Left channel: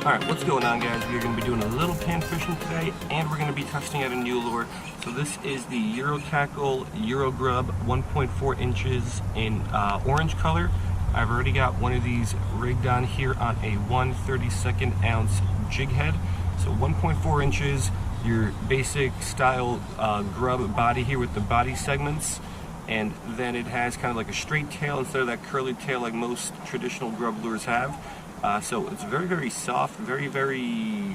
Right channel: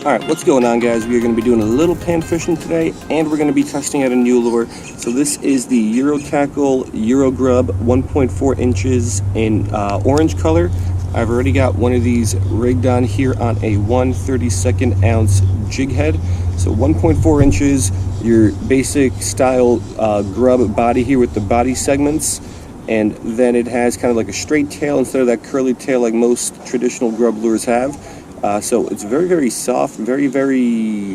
Alright, what's going on, guys? We are going to be doing a little pan fishing today, and we're going to be testing out a new lure. So this is the Eurotackle Eurogrub 1.4 inches in orange color. I've already got one of these rigged on here on a 1/32 ounce jig head. So 1.4 inches, your basic style grub body here with the body segments. And then it has kind of like a straight tail instead of that curly tail like most traditional grub lures have. So it's very, very soft, very, very,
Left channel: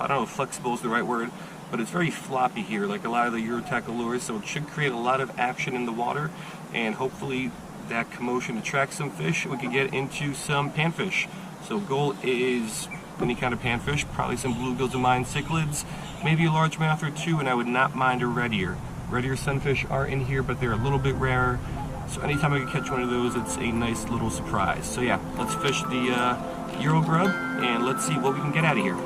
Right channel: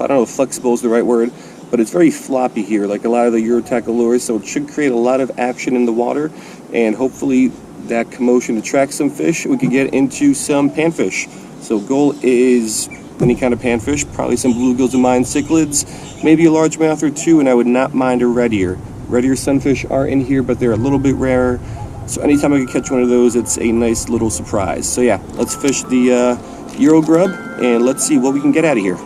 I don't know if flexible is the right word, but it's very floppy here, like a lot of the Eurotackle lures, so it should create a lot of action in the water, and hopefully that commotion attracts some fish. We could get into some panfish. So goal is any kind of panfish, probably some bluegills and mine cichlids, maybe a largemouth or two, and I would not mind a red ear. Red ear sunfish are in here, but they're a little bit rarer. So anytime I can catch one of those, it's a nice little surprise. So yeah, let's fish the Eurogrub, and let's see what we can get out of here.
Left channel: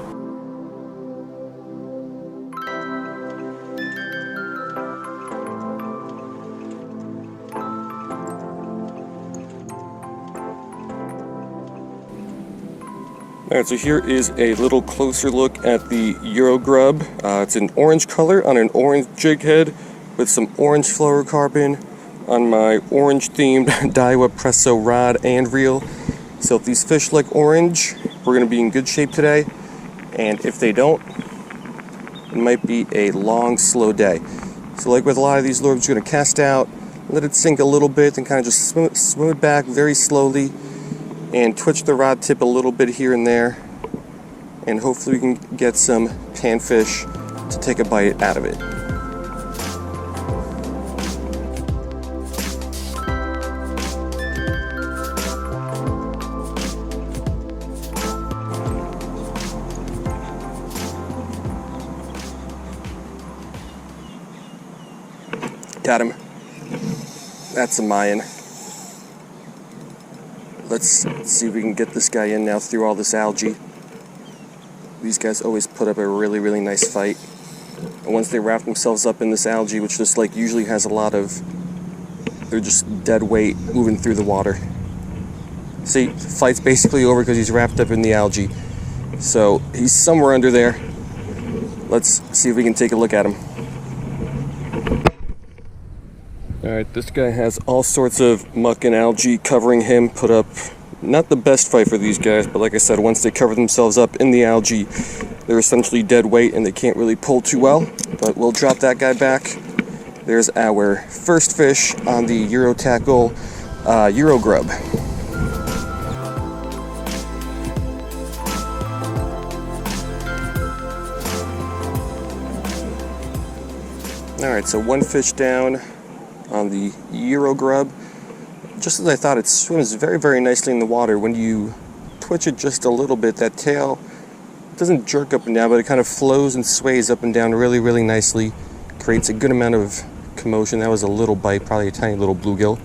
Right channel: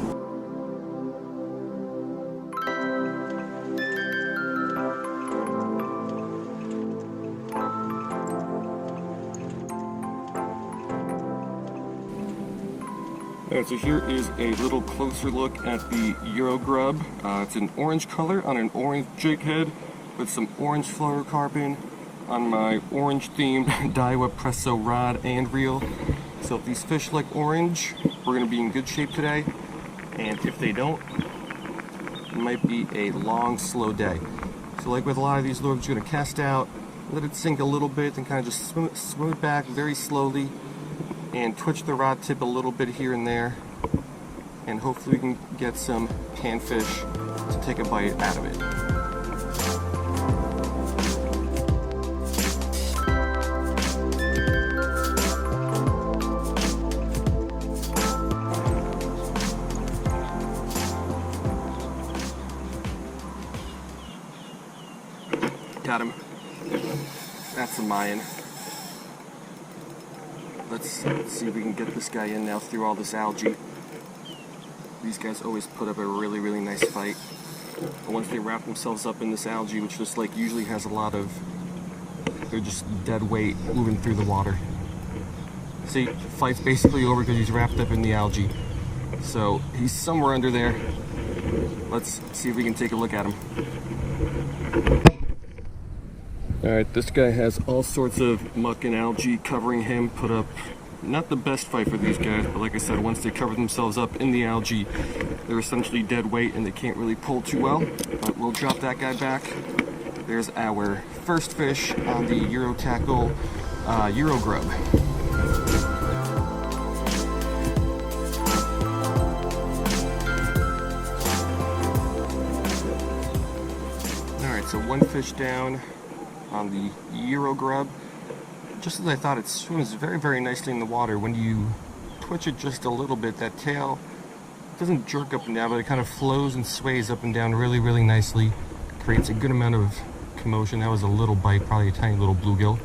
Alright, so here is a little closer look at the Eurogrub. It's an orange color on an orange jig head with some orange fluorocarbon on my orange themed Daiwa Presso rod and reel. So if these fish like orange, we're going to be in good shape today, and if they don't, it might be a long, slow day. So like with a lot of these lures, you're going to cast out, let it sink a little bit, and kind of just swim it back very slowly, and twitch the rod tip a little bit here and there, and hopefully we can get some panfish to take a bite out of it. Got him. That's a Mayan. Let's see if we can get this guy in now through all this algae. These guys always put up a really, really nice fight. And once they wrap themselves up in this algae, which just like usually has a lot of, they're just dead weight moving through the water. See, the fight's basically over because he's wrapped up in the algae. So he's somewhere under there. Let's see if we can take a look at him. Alright, this guy has all sorts of muck and algae covering him, put up not the best fight for these guys, but like I said, once they cover themselves up in the algae, they're essentially dead weight and they can't really pull too well, but we'll drop that guy back. There's our first fish on the Eurotackle Eurogrub. Alright, so one fish down on the Eurogrub. Just as I thought, it swims very, very nicely in the water. When you twitch it just a little bit, that tail doesn't jerk up and down, but it kind of flows and sways up and down really, really nicely. Creates a good amount of commotion. That was a little bite, probably a tiny little bluegill.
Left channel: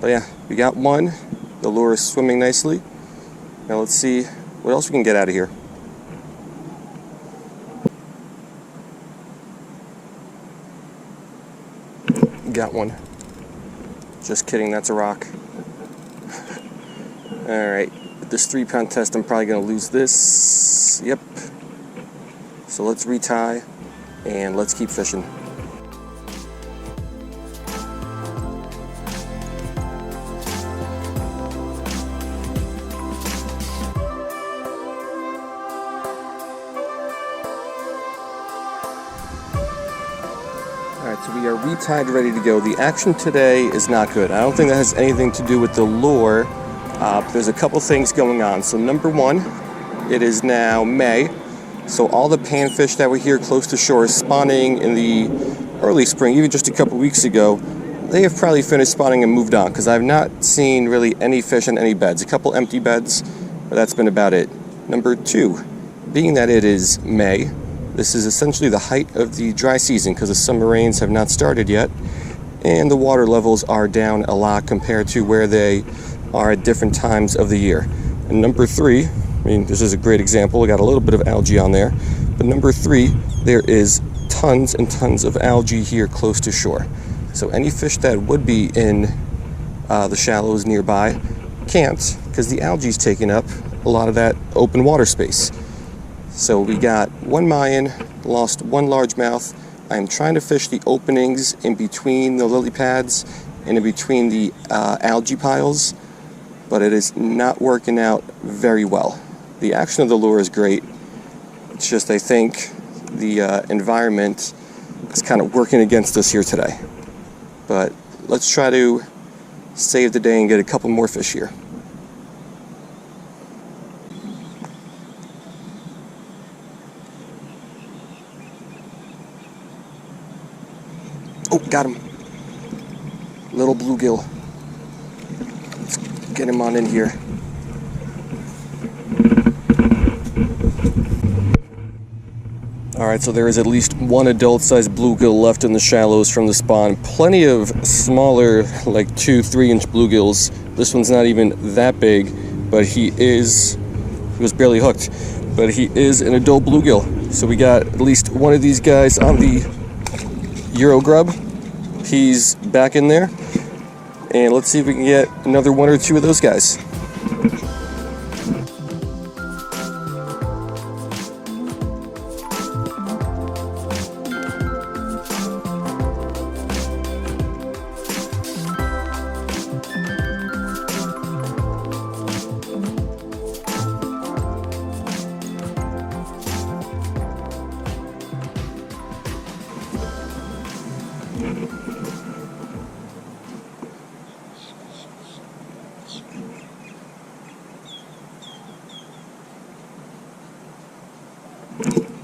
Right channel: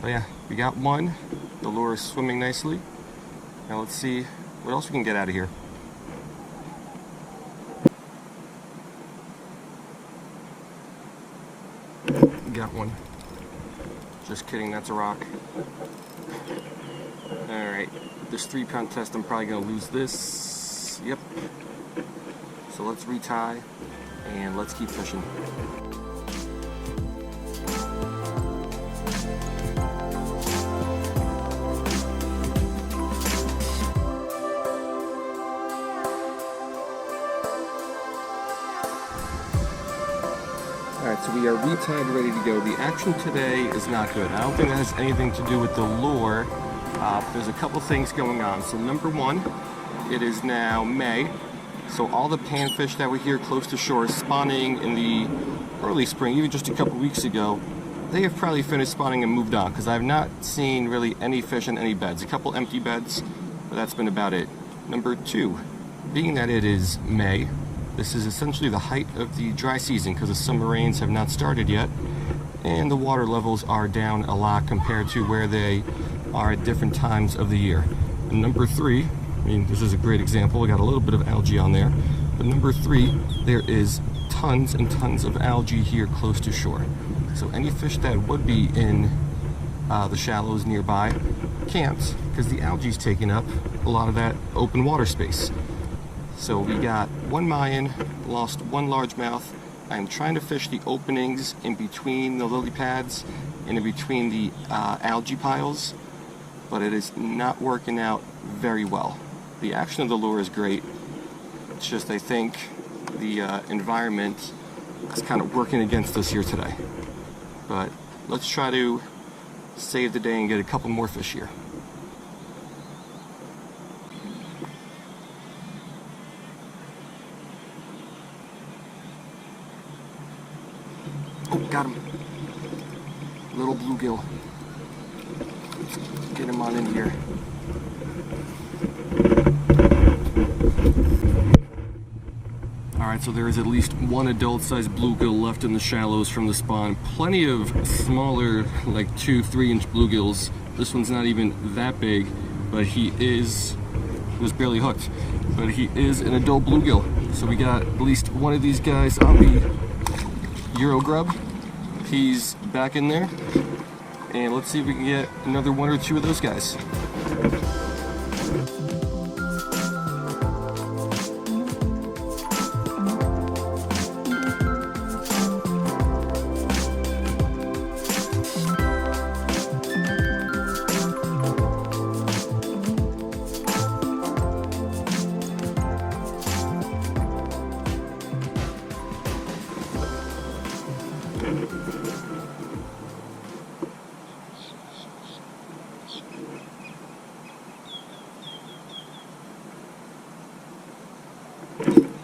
But yeah, we got one. The lure is swimming nicely. Now let's see what else we can get out of here. Got one. Just kidding, that's a rock. Alright, with this 3-pound test, I'm probably going to lose this. Yep. So let's retie, and let's keep fishing. Alright, so we are retied, ready to go. The action today is not good. I don't think that has anything to do with the lure. There's a couple things going on. So number one, it is now May. So all the panfish that were here close to shore spawning in the early spring, even just a couple weeks ago, they have probably finished spawning and moved on, because I've not seen really any fish in any beds. A couple empty beds, but that's been about it. Number two, being that it is May, this is essentially the height of the dry season because the summer rains have not started yet, and the water levels are down a lot compared to where they are at different times of the year. And number three, I mean, this is a great example. We got a little bit of algae on there, but number three, there is tons and tons of algae here close to shore. So any fish that would be in the shallows nearby can't, because the algae is taking up a lot of that open water space. So we got one Mayan, lost one largemouth. I'm trying to fish the openings in between the lily pads and in between the algae piles, but it is not working out very well. The action of the lure is great. It's just I think the environment is kind of working against us here today. But let's try to save the day and get a couple more fish here. Oh, got him. Little bluegill. Let's get him on in here. Alright, so there is at least one adult-sized bluegill left in the shallows from the spawn. Plenty of smaller, like 2-3 inch bluegills. This one's not even that big, but he was barely hooked, but he is an adult bluegill. So we got at least one of these guys on the Eurogrub. He's back in there, and let's see if we can get another one or two of those guys.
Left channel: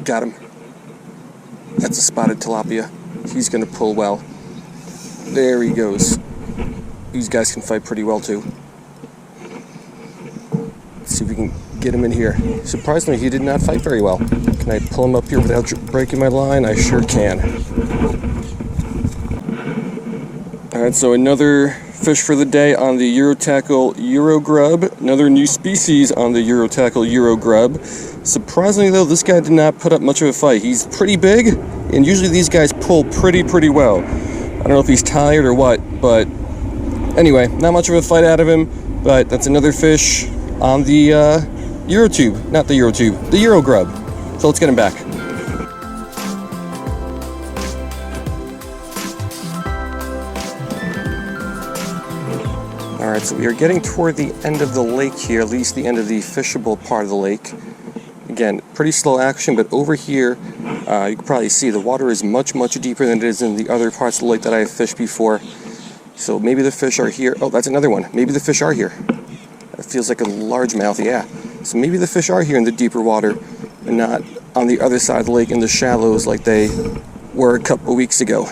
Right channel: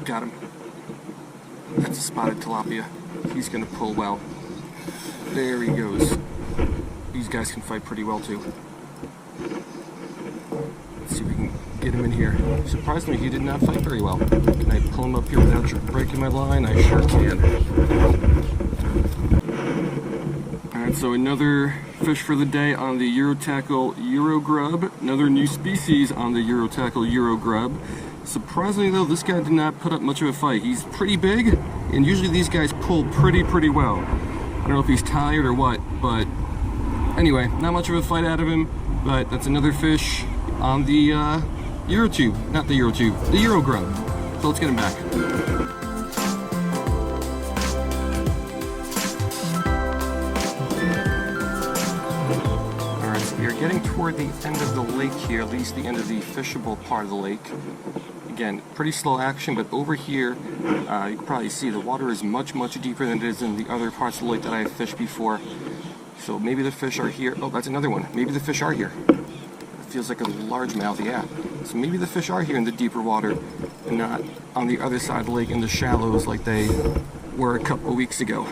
Got him. That's a spotted tilapia. He's gonna pull well. There he goes. These guys can fight pretty well too. Let's see if we can get him in here. Surprisingly, he did not fight very well. Can I pull him up here without breaking my line? I sure can. Alright, so another fish for the day on the Eurotackle Eurogrub. Another new species on the Eurotackle Eurogrub. Surprisingly though, this guy did not put up much of a fight. He's pretty big, and usually these guys pull pretty well. I don't know if he's tired or what, but anyway, not much of a fight out of him, but that's another fish on the Eurotube, not the Eurotube, the Eurogrub. So let's get him back. Alright, so we are getting toward the end of the lake here, at least the end of the fishable part of the lake. Again, pretty slow action, but over here, you can probably see the water is much deeper than it is in the other parts of the lake that I have fished before. So maybe the fish are here. Oh, that's another one. Maybe the fish are here. That feels like a largemouth, yeah. So maybe the fish are here in the deeper water and not on the other side of the lake in the shallows like they were a couple weeks ago.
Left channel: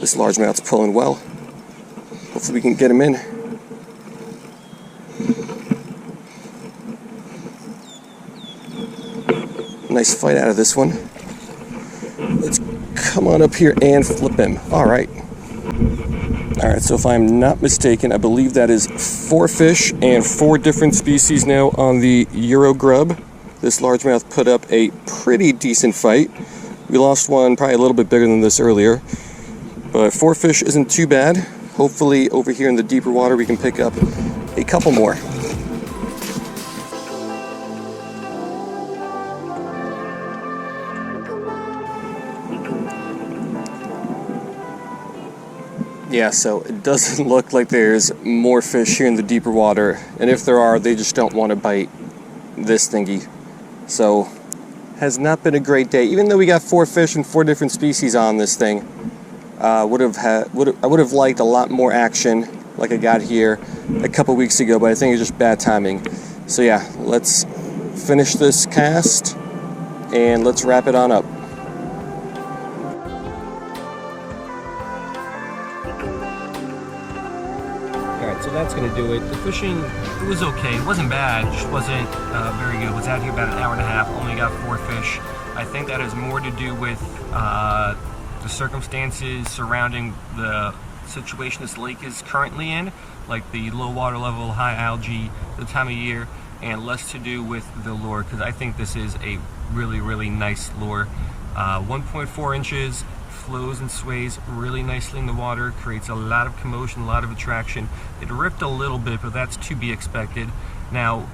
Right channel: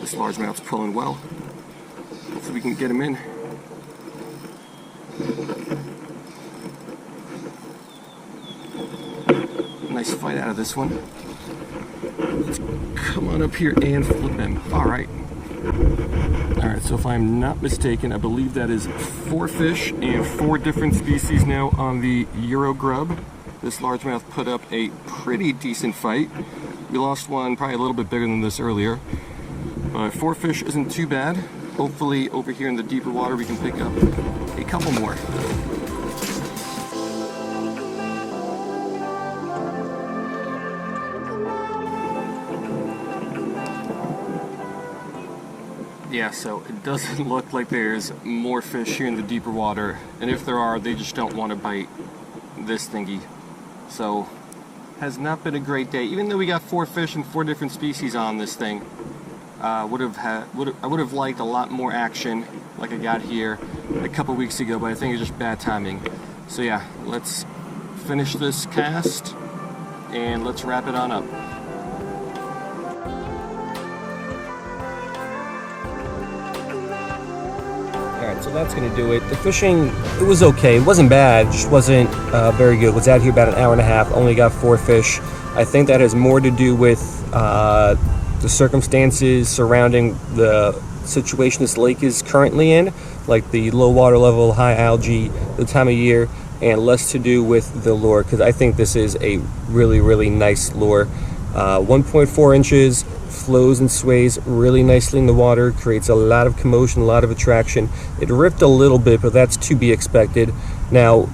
This largemouth's pulling well. Hopefully we can get him in. Nice fight out of this one. Let's come on up here and flip him. Alright. Alright, so if I'm not mistaken, I believe that is 4 fish and 4 different species now on the Eurogrub. This largemouth put up a pretty decent fight. We lost one probably a little bit bigger than this earlier, but 4 fish isn't too bad. Hopefully over here in the deeper water we can pick up a couple more. Yeah, so it doesn't look like there's more fish here in the deeper water, and if there are, they just don't want to bite this thingy. So, has not been a great day. Even though we got 4 fish and 4 different species on this thing, I would have liked a lot more action like I got here a couple weeks ago, but I think it's just bad timing. So yeah, let's finish this cast and let's wrap it on up. Alright, so that's going to do it. The fishing, it was okay. It wasn't bad, just wasn't very good. Was out here about an hour and a half, only got 4 fish. I think that has more to do with the circumstances surrounding the situation this lake is currently in, like the low water level, high algae, the time of year, and less to do with the lure, because I think this is a really nice lure. 1.4 inches, flows and sways really nicely in the water, creates a lot of commotion, a lot of attraction. It ripped a little bit, but that's to be expected. Now,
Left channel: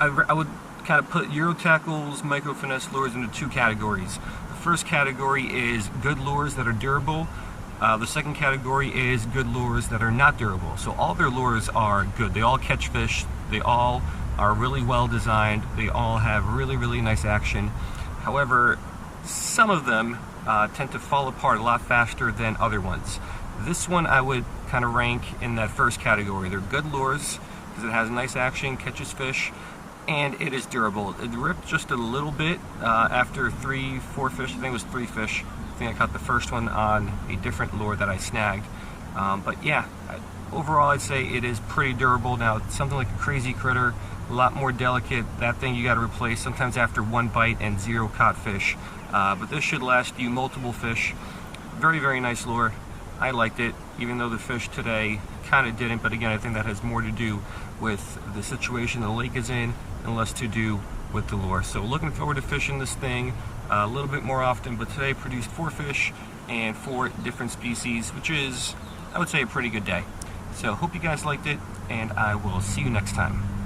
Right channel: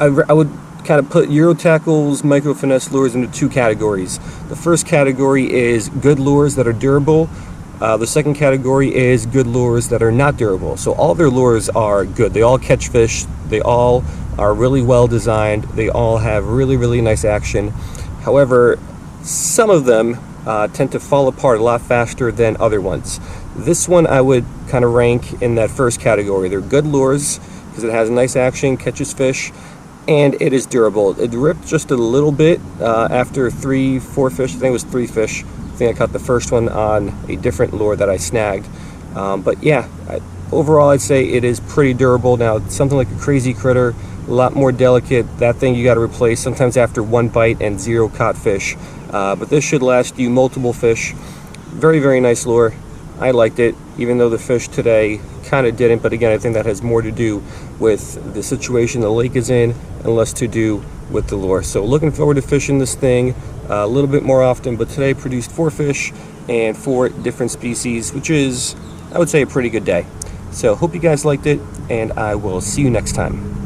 I would kind of put Eurotackle's micro finesse lures into two categories. The first category is good lures that are durable. The second category is good lures that are not durable. So all their lures are good. They all catch fish. They all are really well designed. They all have really, really nice action. However, some of them tend to fall apart a lot faster than other ones. This one I would kind of rank in that first category. They're good lures because it has nice action, catches fish, and it is durable. It ripped just a little bit after 3-4 fish. I think it was 3 fish. I think I caught the first one on a different lure that I snagged. But yeah, overall I'd say it is pretty durable. Now, something like a crazy critter, a lot more delicate. That thing you got to replace sometimes after 1 bite and 0 caught fish. But this should last you multiple fish. Very, very nice lure. I liked it, even though the fish today kind of didn't. But again, I think that has more to do with the situation the lake is in and less to do with the lure. So looking forward to fishing this thing a little bit more often. But today produced 4 fish and 4 different species, which is, I would say, a pretty good day. So hope you guys liked it, and I will see you next time.